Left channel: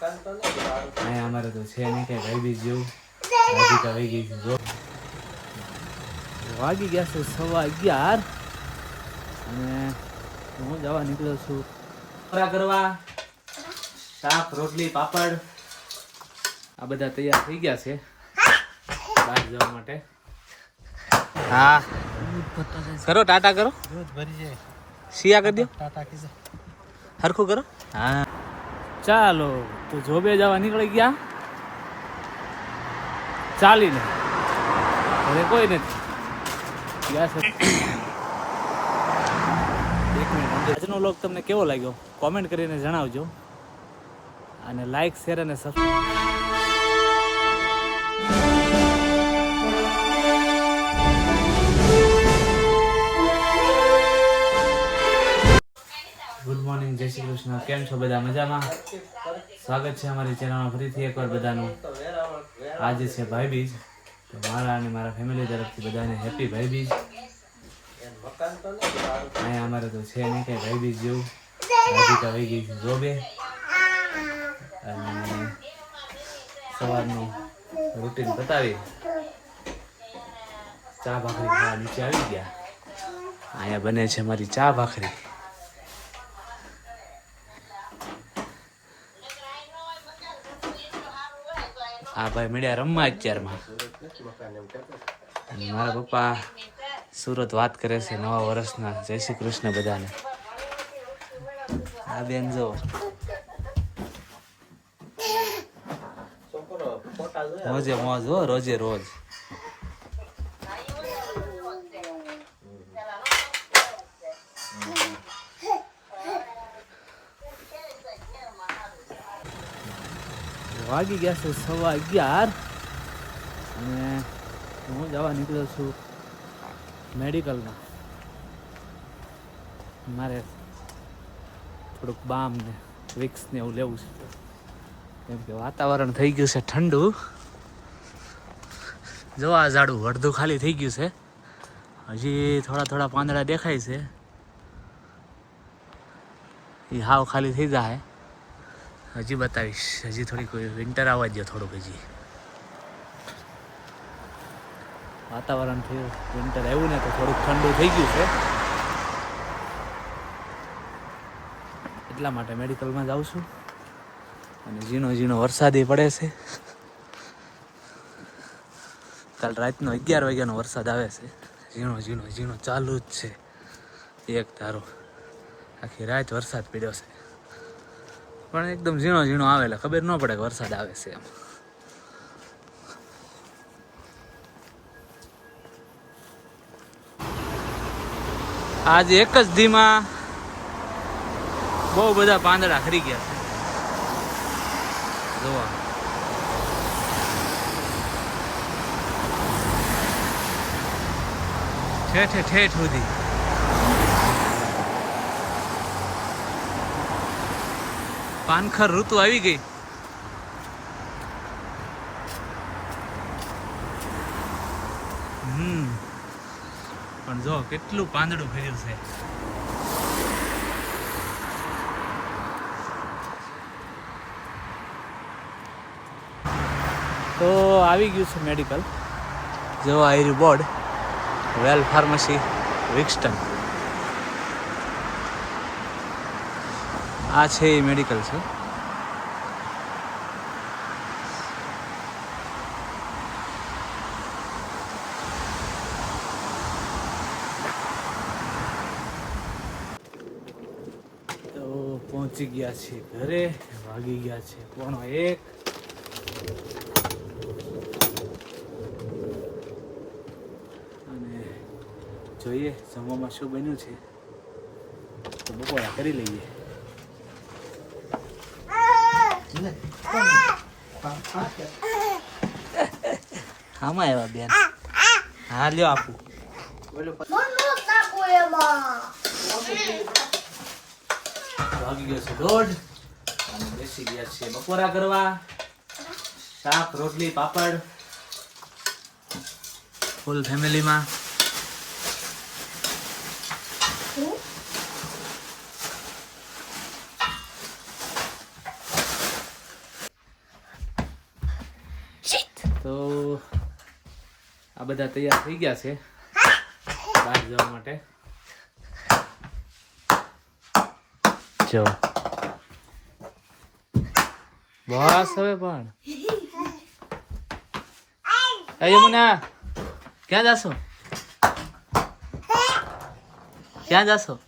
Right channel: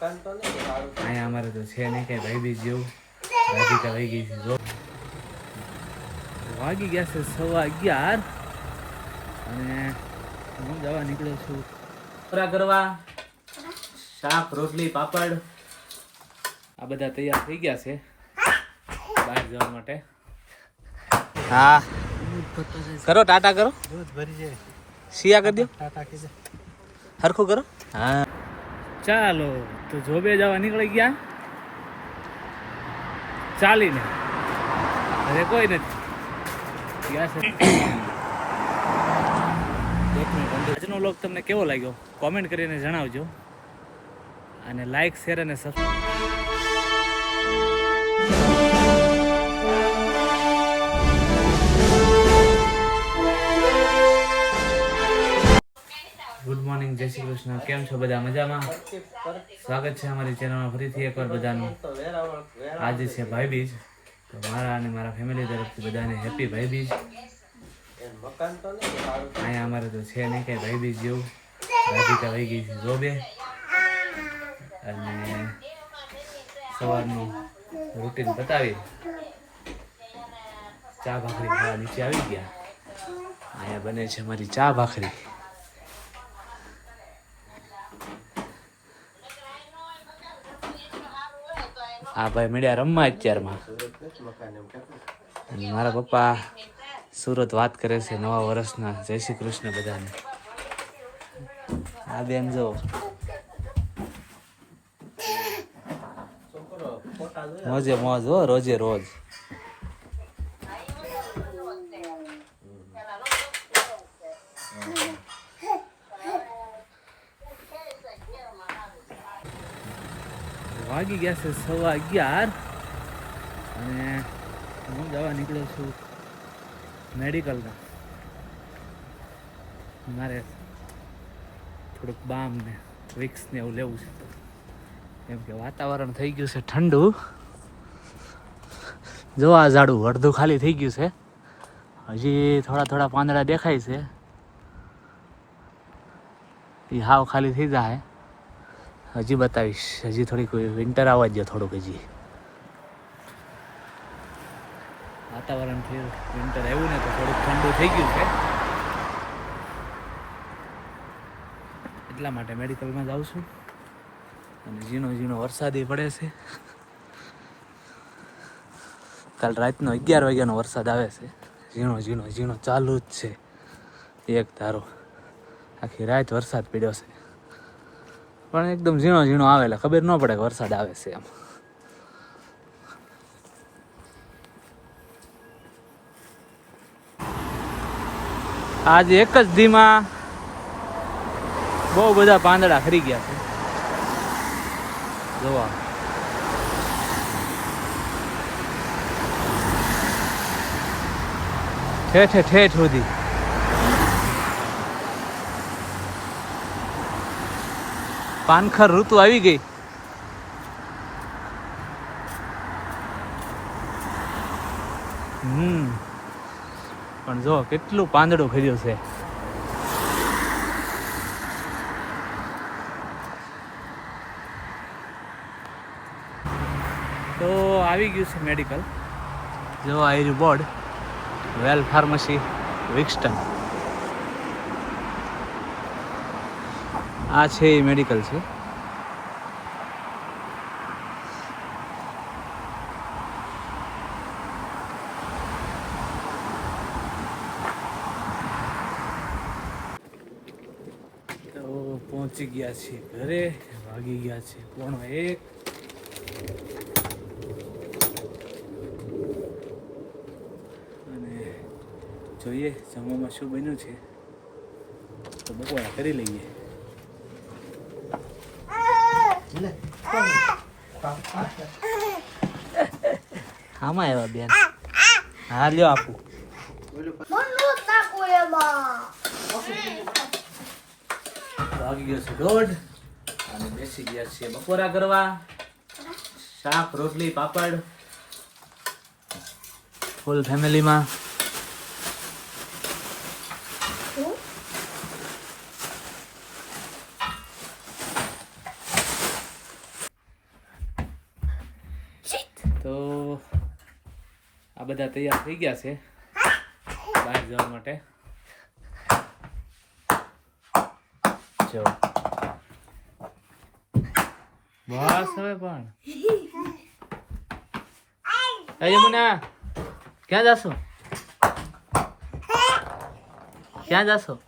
અહીંયા અમારે તો છે નહીં કઈ ભાઈ બી જેવું રાધિકા વહી ગઈ છે વાગી ગયા છે સવા અગિયાર. અને હું જવા નીકળ્યો છું. ખોરા કરવા? શાક રોટલી પાપડ. આ બધા તૈયાર થઈ ગયા છે બહાર જવા માટે. હા. કરો ટાટા કરો. શિયા કરી દો. હરખું કરો. હા. ચાલો, તો જોબે જવા નીકળી ગયા. ચાલીને. ઘરે કોઈ નથી. ગયા છે. આજનો લોક તમને કેવો લાગ્યો? કોમેન્ટ કરીને જણાવજો. અને લાઈક શેર અને સબસ્ક્રાઈબ ગુડ મોર્નિંગ જય શ્રી કૃષ્ણ. કેમ છો બધા મજામાં? સ્વાગત છે અમારી ચેનલમાં ફરીથી એકવાર બધાનું. આજે છે ભાઈ બીજ તો મારા અને મારા ફેમિલી તરફથી બધાને હેપી ભાઈ બીજ અહીંયા અમારે તો છે નહીં કાંઈ ભાઈ બીજ જેવું. રાધિકા વહી ગઈ છે રોબે. અને સવારનું રૂટીન બતાવી ચા ભાખરી ખાવા નીચે આવી ગયા. અહીંયા બને છે મારી ચા ભાખરી. આ ભાઈ મળ્યા રમવા અત્યારમાં. અને મારા પપ્પા સુરત વાત કરે છે નવા વર્ષના. જય શ્રી કૃષ્ણ બધાને. આ બેન જો. મોજે મોજ હો, રોજે રોજ. વાગી ગયા છે સવા અગિયાર. અને હું જવા નીકળ્યો છું મેડિકલમાં. મારે થોડુંક બામ ને વિક્સ ને એવું લેવું છે. કેમ કે વાતાવરણ થઈ ગયું છે ઠંડુ. જો આ ઝાડું અડધું ખાલી થઈ ગયું છે. હજી થોડા થોડા પાંદડા દેખાય છે. એ હાવ ખાલી થઈ જાય. હજી બતાવીશ. હજી થોડીક વિન્ટર આવવા દો થોડુંક હજી. વાતાવરણથી વિન્ટર આવ્યું ને તો થોડુંક ઠંડુ થઈ ગયું છે. એટલા માટે મેડિકલમાં જાઉં છું. અને ઝીણો ઝીણો વરસાદ પડે છે. કાલ રાતનો અગિયાર વાગ્યાનો વરસાદ આવે છે. ઝીણો ઝીણો ઝીણો ચાલુ જ છે. એક ધારો. આખી રાત વરસાદ પડ્યો છે. પણ એકદમ ઝીણો ઝીણો આવેલા ખબર ન પડે કે વરસાદ આવે છે એમ. આજે એક જ ધીમાં બહુ બધા પાંદડા ખરી ગયા છે. જોવા. ઠેઠે ઠેઠ સુધી. પાનખર ઋતુ આવી ગઈ. હમ. પણ જો, કેટલું પાંદડું ખર્યું છે. તો આવી ગયું છે મેડિકલ જો આયરું બોર્ડ વેલ ફાર્મસી વિક્સટન આ છે એ મેડિકલ છે. તો પહોંચી ગયા છીએ ઘરે, વાગી ગયા છે પોણો એક. અને જોઈએ જમવામાં શું બન્યું છે. તો બપોરા કરી લઈએ. આમાં આવ્યા બેન? હા, લ્યો આપું. વાગી ગયો છે દોઢ. અને બેસી ગયા છે બપોરા કરવા. શાક, રોટલી, પાપડ. ફૂલ ફેમિલીમાં બધા તૈયાર થઈ ગયા છે. બહાર જવા માટે. જો. બસ હવે પણ. યમુના, ક્યાં જાશો? ક્યાં જાશો?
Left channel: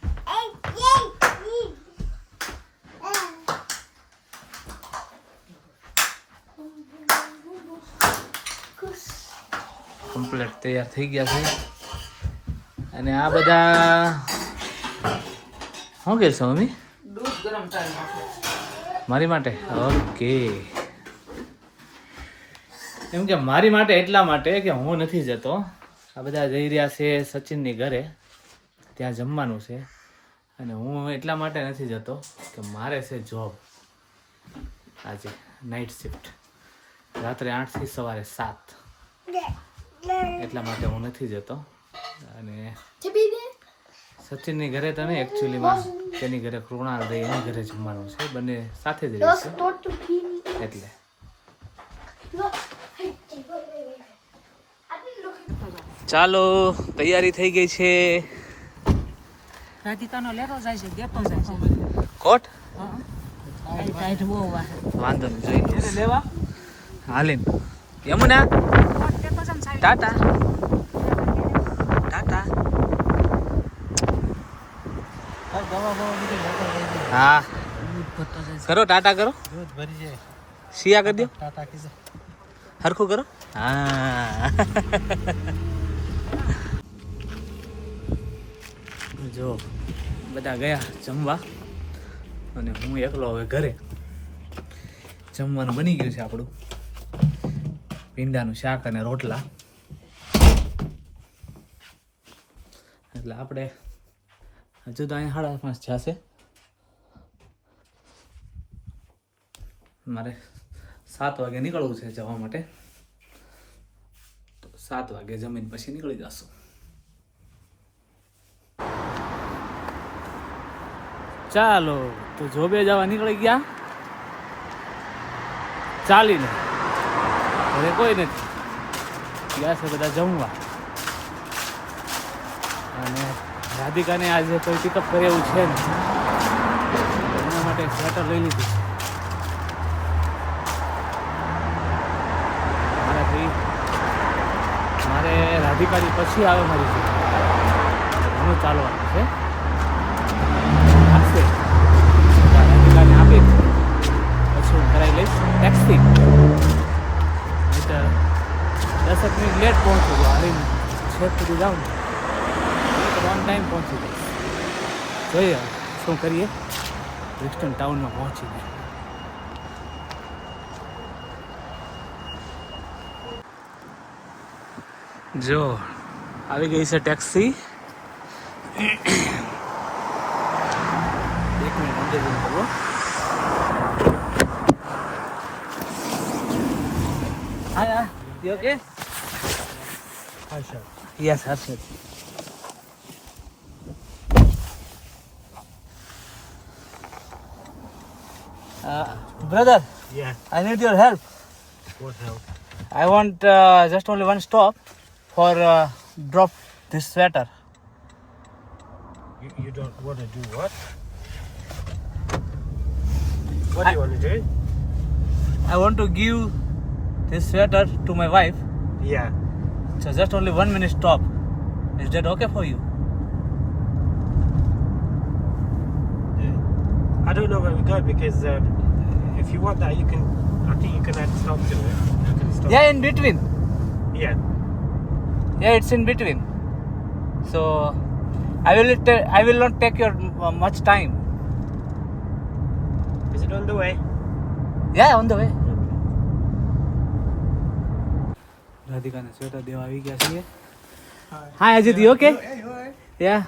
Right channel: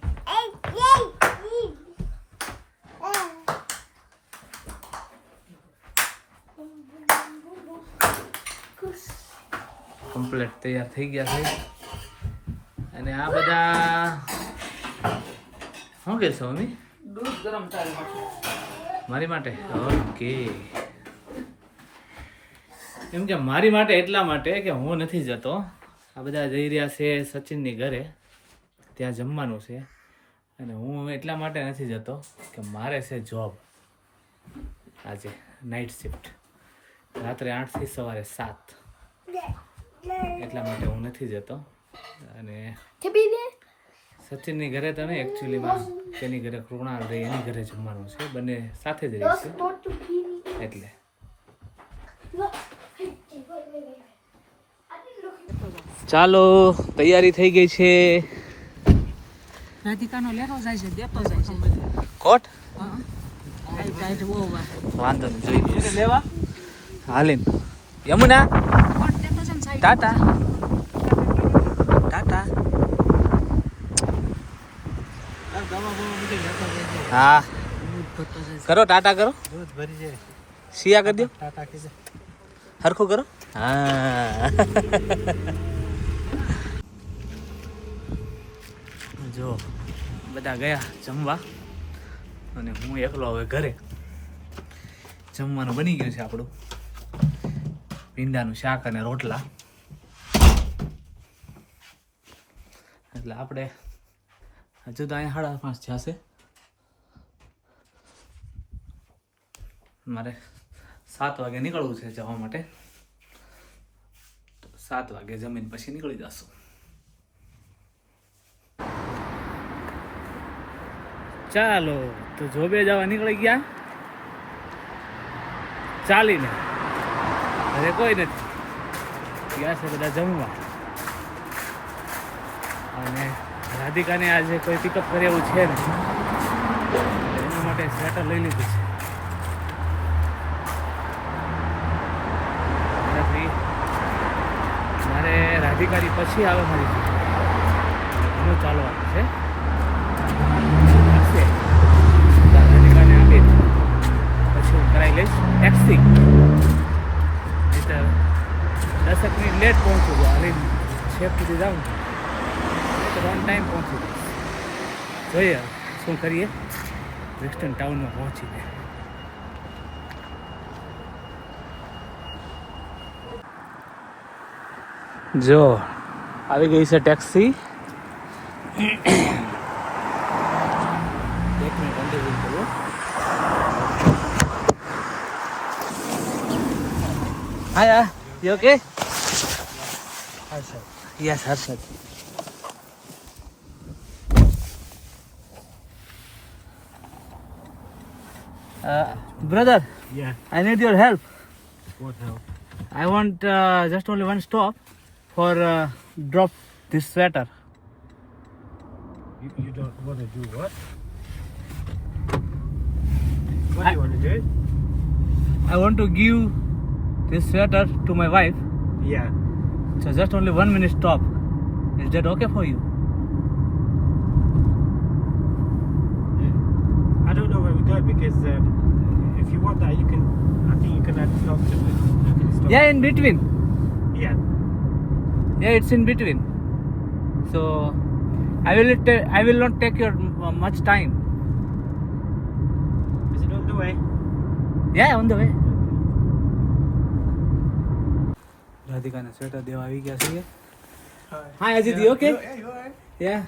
કમ્પ્લીટ તૈયાર થઈ ગયા છે. અને આ બધા શું કહેશો મમ્મી? દૂધ ગરમ મારી માટે? ઓકે. એમ કે મારી માટે એટલા માટે કે હું નથી જતો. આ બધા જઈ રહ્યા છે સચિનની ઘરે. ત્યાં જમવાનું છે. અને હું એટલા માટે નથી જતો કે મારે છે જોબ આજે નાઇટ શિફ્ટ રાત્રે આઠથી સવારે સાત. એટલા માટે હું નથી જતો. અને સચિનની ઘરે તને એકચ્યુઅલીમાં તેની ઘરે કૃણાલ રહી એની ઘરે જમવાનું છે. બંને સાથે જ રહીશું એટલે. ચાલો તૈયારી થઈ ગઈ છે. રાધિકાનો લેરો જાય છે દેતો જાય છે. કોટ. વાંધો નહીં જોઈ લો હાલીન. યમુના? ટાટા ટાટા હા. કરો ટાટા કરો. શિયા કરી દો. હરખું કરો. હા. જો, બધા ગયા જમવા. અને હું એકલો હવે ઘરે. જમવાનું બની ગયું છે આપણું. ભીંડાનું શાક અને રોટલા. એટલે આપણે હજુ તો અહીંયા સાડા પાંચ જશે. મારે સાત વાગે નીકળવું છે જવા માટે. તો સાત વાગે જમીન પછી નીકળી જશું. ચાલો, તો જોબે જવા નીકળી ગયા. ચાલીને. ઘરે કોઈ નથી. ગયા છે બધા જમવા. અને રાધિકાને આજે કોઈ પિકઅપ કરે એવું છે ને એટલે એના માટે સ્વેટર લઈ લીધું છે. મારાથી મારે રાધિકાની પછી આવે મારી. એટલે ઘણું ચાલવાનું છે. આપશે રાધિકાને આપી પછી હું કરાવી લઈશ ટેક્સી નહીતર દસેક મિનિટ લેટ પહોંચું છું. હાલીને છેક સુધી જાઉં ને. નહીં તો ઓન ટાઈમ પહોંચી જઈશ જોઈએ હવે શું કરીએ? બ્રિસ્ટન ટાઉનમાં પહોંચીને જો આવી ગઈ છે ટેક્સી એક મિનિટ અંદર જઈને બોલો. Hi you okay yes Harshad Uh, brother, Yeah, I need your help. what hell? I want uh, just only one stop for uh, drop this sweater. You, you don't want to do what? What do you want to do? I want to give this sweater to my wife. Yeah. So just only one minute stop. Is that okay for you? I don't know where we go because um, if you want that, you can. I think you can add stuff to it. You can stop. Yeah, in between. Yeah. Yeah, it's in between. So I will ta- I will not take your uh, much time. Is it on the way? Yeah, on the way. રાધિકાને sweater દેવા આવી ગયા છીએ હા Ajit you okay યા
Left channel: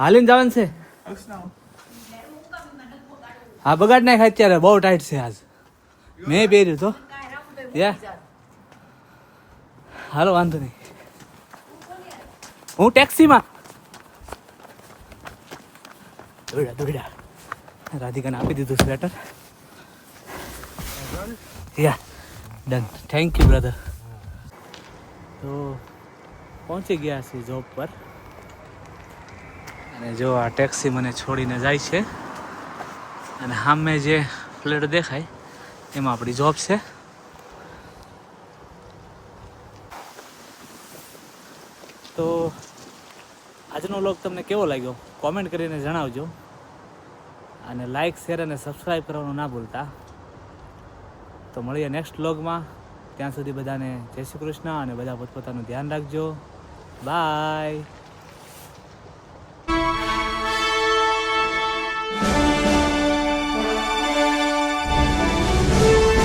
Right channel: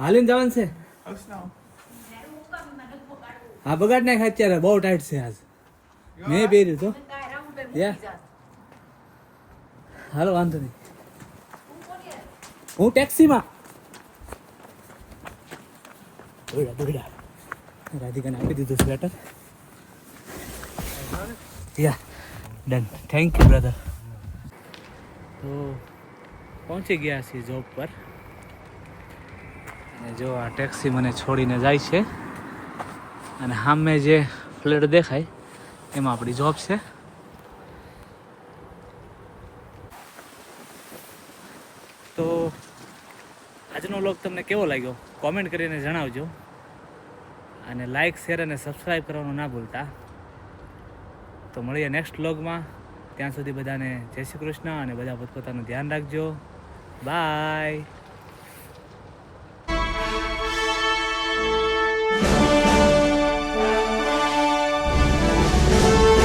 હાલીને જવાનું છે હા બગાડ નાખ અત્યારે, બહુ ટાઈટ છે આજ. મેં પહેર્યું તો. યા હાલો, વાંધો નહીં. હું ટેક્સીમાં દોડ્યા દોડ્યા રાધિકાને આપી દીધું sweater yeah done thank you brother તો પહોંચી ગયા છીએ જોબ પર. અને જો આ ટેક્સી મને છોડીને જાય છે. અને સામે જે ફ્લેટ દેખાય, એમાં આપણી જોબ છે. તો આજનો વ્લોગ તમને કેવો લાગ્યો? કોમેન્ટ કરીને જણાવજો. અને લાઈક શેર અને સબસ્ક્રાઈબ કરવાનું ના ભૂલતા. તો મળીએ નેક્સ્ટ વ્લોગમાં ત્યાં સુધી બધાને જય શ્રી કૃષ્ણ અને બધા પોતપોતાનું ધ્યાન રાખજો. બાય